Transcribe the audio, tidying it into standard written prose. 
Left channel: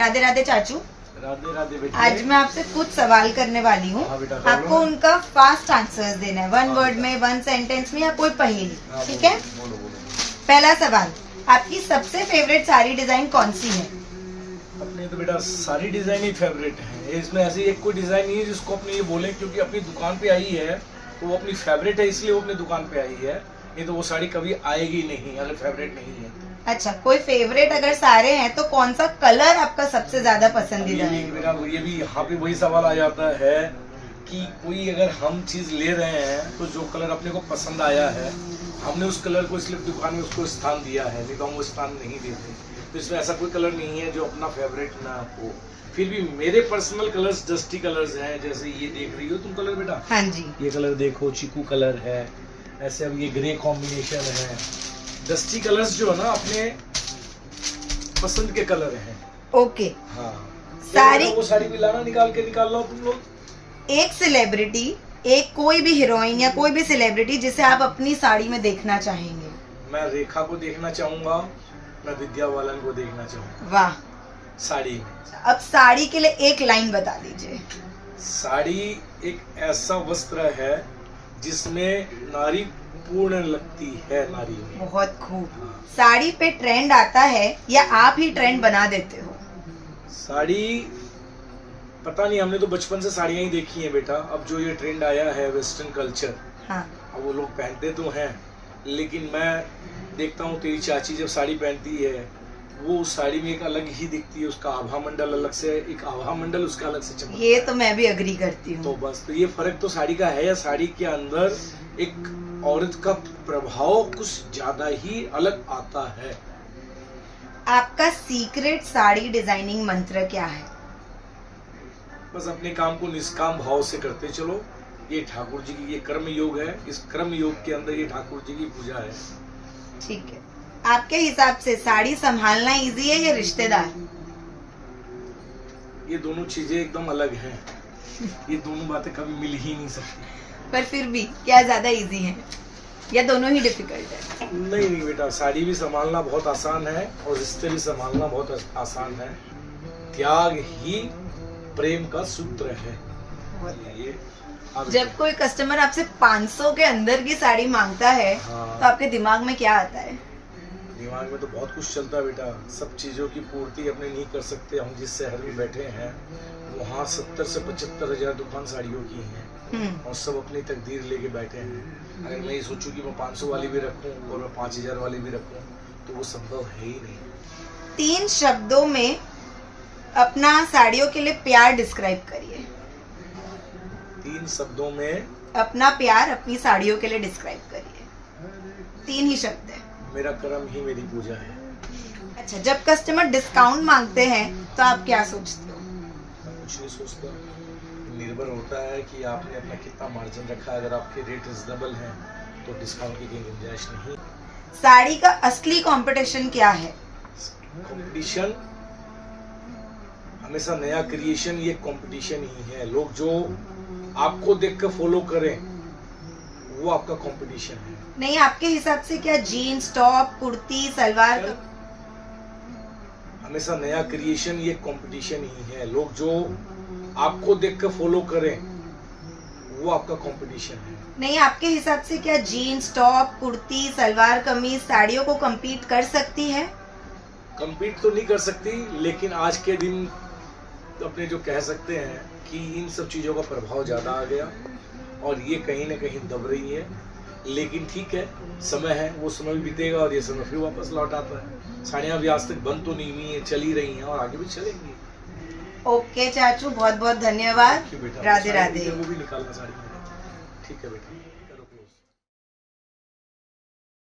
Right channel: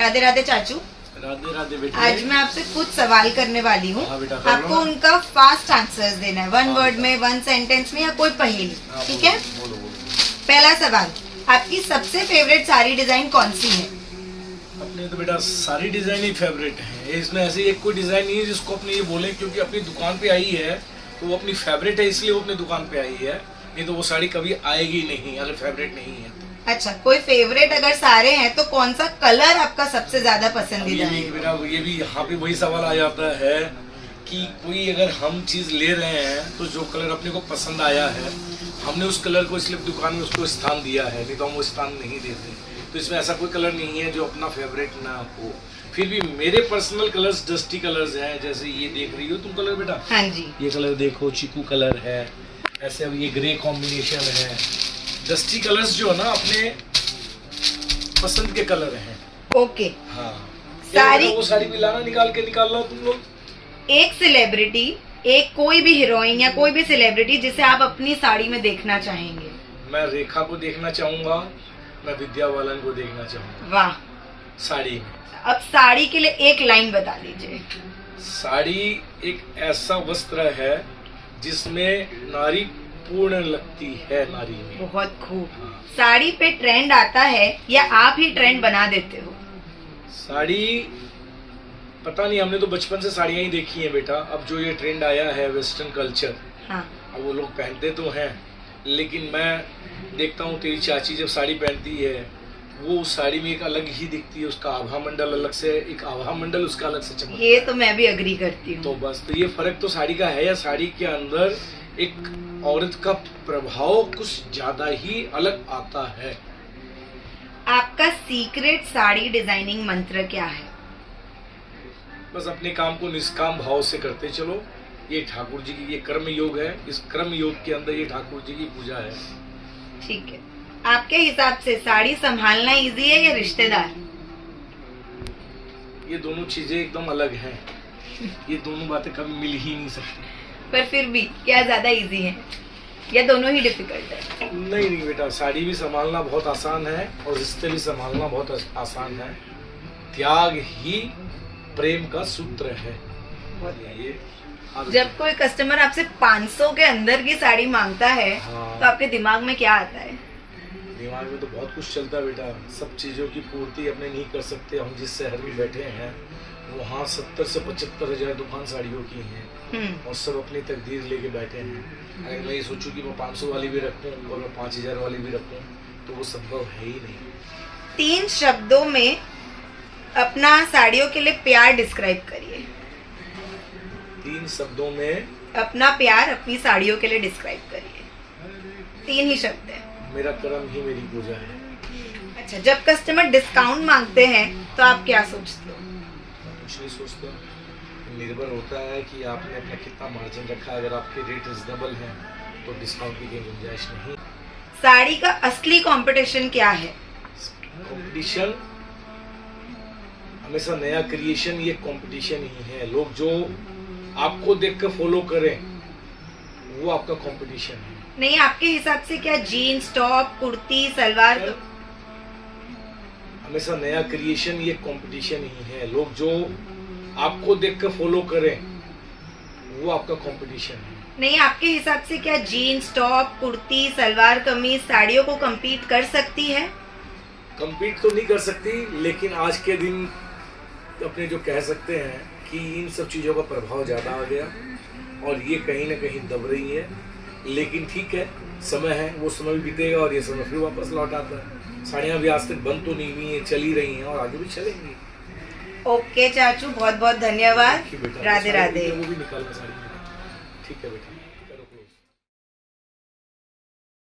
राधे राधे चाचू। राधे राधे बेटा। आज मैं आपसे कुछ सवाल करने वाली हूँ। हाँ बेटा, आपको उनका फास्ट आंसर्स देना है, वन वर्ड में, वन सेंटेंस में या कोई पहेली, ठीक है? बोलो बोलो। पहला सवाल, आपकी सबसे फेवरेट साड़ी डिजाइन कौन सी है? अपने तो बेटा सारी डिजाइन ही फेवरेट है, इसमें ऐसी एक कोई डिजाइन नहीं है जिसको अपने ये बोले क्योंकि अपनी दुकान पे आई है तो वो अपनी फेवरेट है, इसलिए वो अपनी दुकान पे आई है, नहीं तो वो साड़ी कभी आएगी नहीं अगर फेवरेट नहीं है तो। अच्छा, कोई फेवरेट अगर सारे हैं तो कौन सा कलर आपका सबसे ज्यादा पसंदीदा है? बेटा ये भी यहाँ पे वही सवाल आ जाता है कि कोई अगर हम चीज ले रहे हैं तो जो कलर अपने को पसंद आया है हमने उस कलर को इसलिए दुकान में उसको स्थान दिया है, नहीं तो हम वो स्थान नहीं देते। तो इसमें ऐसा कोई कलर नहीं है जो अपना फेवरेट ना हो। फिर भी मेरे पर्सनल कलर्स डस्टी कलर्स हैं, जैसे ये देख रही हो तुम कलर बेटा। हाँ जी। ये कलर देखो, चीकू कलर है, ऐसे अब ये ग्रे कॉम्बिनेशन है। डस्टी कलर्स जो है ना अपने पसंद के कलर हैं। ओके। हाँ। सारी वो साड़ी भी लाना निकाल लो तुम लोग। एक सेलिब्रिटी, एक कोई भी हीरोइन या कोई भी सेलिब्रिटी जिसे आप अपनी साड़ी में देखना चाहेंगे? मैं रेखा को देखना चाहूंगा, मैं विद्या बालन को देखना चाहूंगा। वाह। साड़ी में। अब साड़ी के लिए एक लाइन बता दीजिए। साड़ी एक ऐसा वस्त्र है जिसमें नारी पूर्ण लगती है, नारी में। बहुत खूब। साड़ी पे ट्रेंड आता है या आप ही ट्रेंड बना देते हो? साड़ी पता नहीं, हमने तो बचपन से साड़ियाँ ही देखी हैं बेटा। अब जो ये ट्रेंड आया है वेस्टर्न कल्चर, हाँ। अब वो लोग पहनते तो हैं, लेकिन मैं देखता हूँ तेरी चाची जब साड़ी पहनती है वो उस साड़ी में एक अलग ही दिखती है, उसका आभा मंडल अलग से, एक आभा मंडल उसका अलग से चमकता है। ये तो मैं भी अग्री करती हूँ। तो बस तो ये फर्क तो साड़ी का है, या साड़ी के अंदर एक औरत का प्रभाव कुछ ज्यादा ही अलग आता है। आपका सीक्रेट साड़ी डिजाइनिंग मंत्र क्या है? बस अपने काम को निष्काम भाव से करते चलो। ये ठाकुर जी की ये कर्म योग है, इस कर्म योग के अंदर ये ठाकुर जी की पूजा है। ठीक है। आपके हिसाब से साड़ी संभालना इजी है या रिश्तेदार? ये दोनों चीजें एकदम अलग हैं। ये दोनों बातें कभी मिल ही नहीं सकती। पर फिर भी क्या ज्यादा इजी है या दोनों ही डिफिकल्ट है? नहीं बेटा, साड़ी भी संभालना बहुत आसान है और रिश्ते भी संभालना बहुत आसान है। त्याग ही प्रेम का सूत्र है। ये जब कोई कस्टमर आपसे 500 के अंदर की साड़ी मांगता है, हाँ। तो आपके दिमाग में क्या आता है? दिमाग में तो बहुत कुछ चलता है बेटा। सब चीज़ों की पूर्ति अपने नहीं कर सकते। हम जिस शहर में बैठे हैं वहाँ 70 से 75 हजार दुकान साड़ियों की हैं और सब अपनी तकदीर लेके बैठे हैं। अगर मैं ये सोचूं कि मैं 500 वाली भी रखूं और मैं 5000 वाली भी रखूं तो वो संभव है ही नहीं। 3 शब्दों में अपना साड़ियों के लिए प्यार डिस्क्राइब करिए। 3 शब्दों में अपना प्यार अपनी साड़ियों के लिए डिस्क्राइब करिए। 3 ही शब्द है। मेरा कर्म ही मेरी पूजा है। अच्छा, जब कस्टमर डिस्काउंट मांगते हैं तो आप क्या सोचते हो? मैं कुछ नहीं सोचता, निर्भर होता है कि आपने अपना कितना मार्जिन रखा। अगर आपके रेट रिजनेबल हैं तो डिस्काउंट की कोई गुंजाइश नहीं। साड़ी का असली कंपटीशन क्या है? कंपटीशन हमेशा नया क्रिएशन, ये कंपटीशन ही है। लोग जो आपको देख कर फॉलो करें वो आपका कंपटीशन है। नहीं, आपके हिसाब से क्या जीन्स, टॉप, कुर्ती, सलवार? हमेशा नया क्रिएशन, ये कंपटीशन ही है। लोग जो आपको देख कर फॉलो करें वो आपका कंपटीशन है। नहीं, आपके हिसाब से क्या जीन्स, टॉप, कुर्ती, सलवार कमीज साड़ियों को compete कर सकती है? compete तो नहीं कर सकती, लेकिन आज के दिन अपने जो कह सकते हैं कि इन सब चीज़ों का प्रभाव ज़्यादा आ गया और ये कहीं ना कहीं दब रही है। लेकिन ठीक है, समय है, वो समय भी बीतेगा और ये समय फिर वापस लौट आता है। साड़ियाँ भी आज तक बंद तो नहीं हुई हैं, चली रही हैं और आगे भी चलेंगी। ओके चाचू, बहुत बहुत धन्यवाद। राधे राधे। वो भी निकालना साड़ी में। ठीक है बेटा।